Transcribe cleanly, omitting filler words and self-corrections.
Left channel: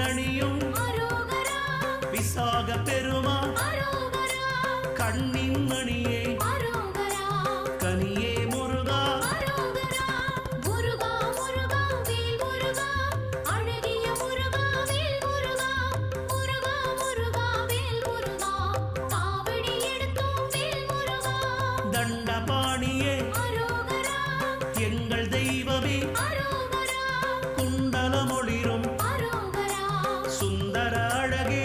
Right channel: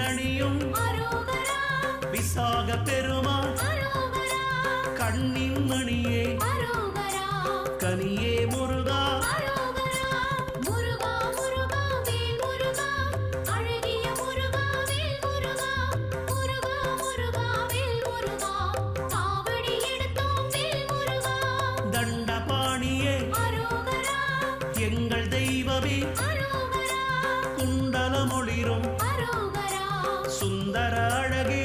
தேரணியும் விசாக பெருமான் கண்ணின் மணியே கனியே முருகா தண்டபாணியே எங்கள் தெய்வமே குண்டலமொளிரும் சுந்தர அழகே